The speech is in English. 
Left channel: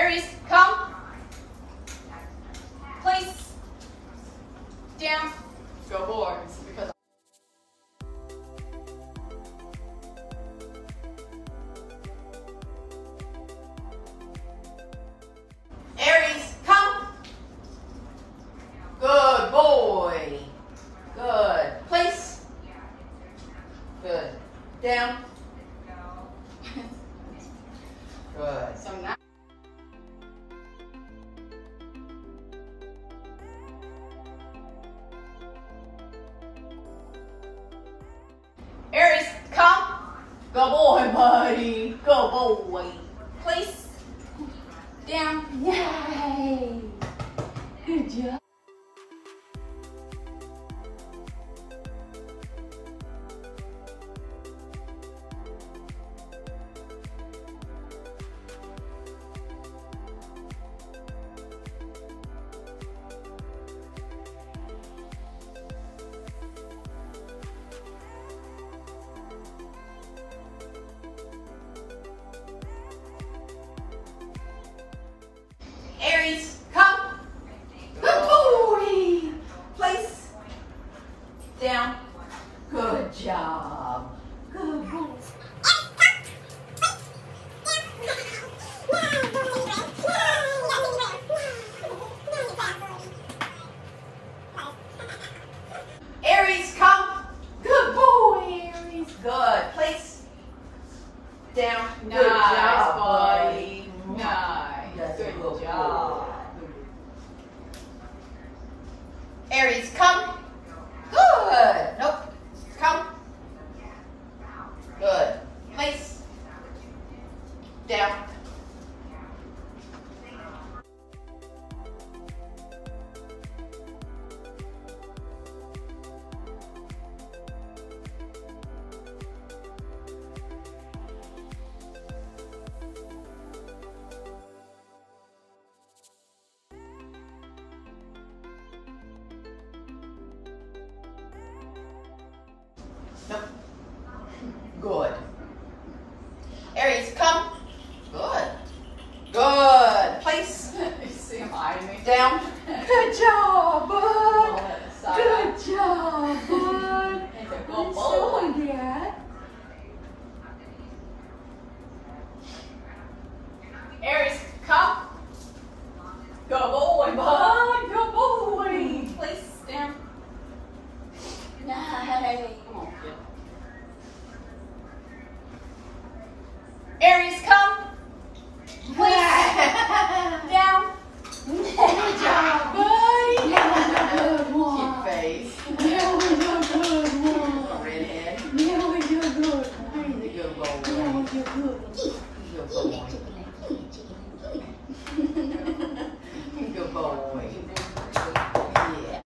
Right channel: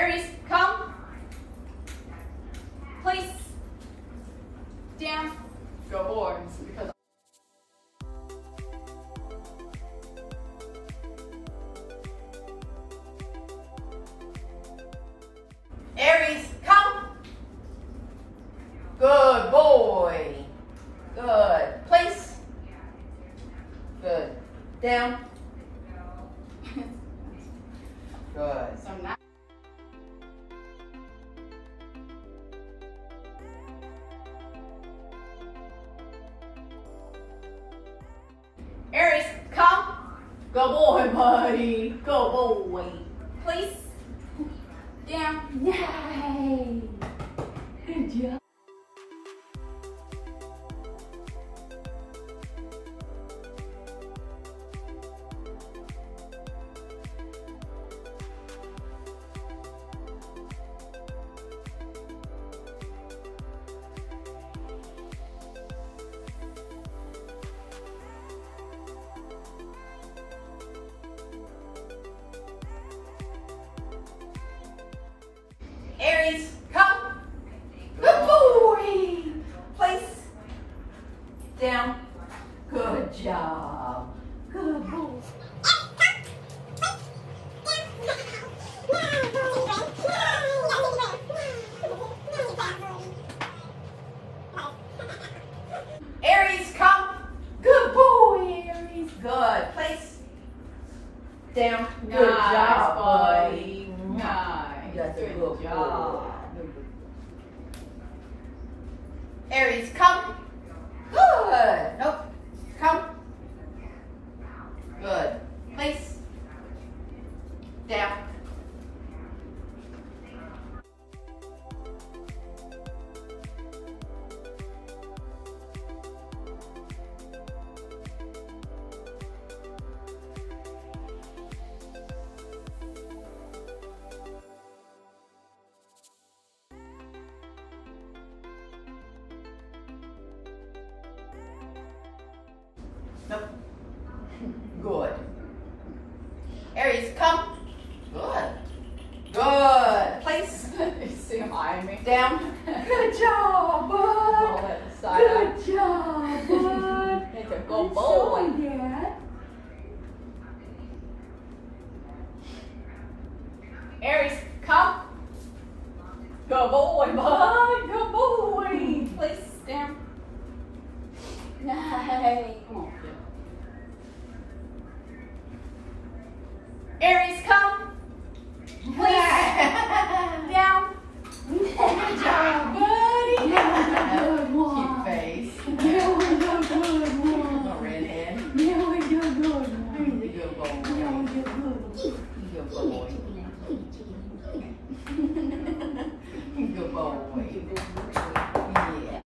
Aries, come. Place. Down. Go boys. Because Aries, come. Good boy. Good. Place. Good. Down. Good. So now Aries, come. Go boy, buddy. Go boy. Place. Down. Yay. Good job. Aries, come. Good boy. Place. Down. Good job. Good boy. Aries, come. Good boy, Aries. Good. Place. Down. Good job, buddy. Nice. Good job. Aries, come. Good. Nope. Come. Good. Place. Down. Nope. Good. Aries, come. Good. Good. Place. You see him eyeing me? Down. Good job, bud. All that side Good job, bud. It's a good Good boy. job, Dad.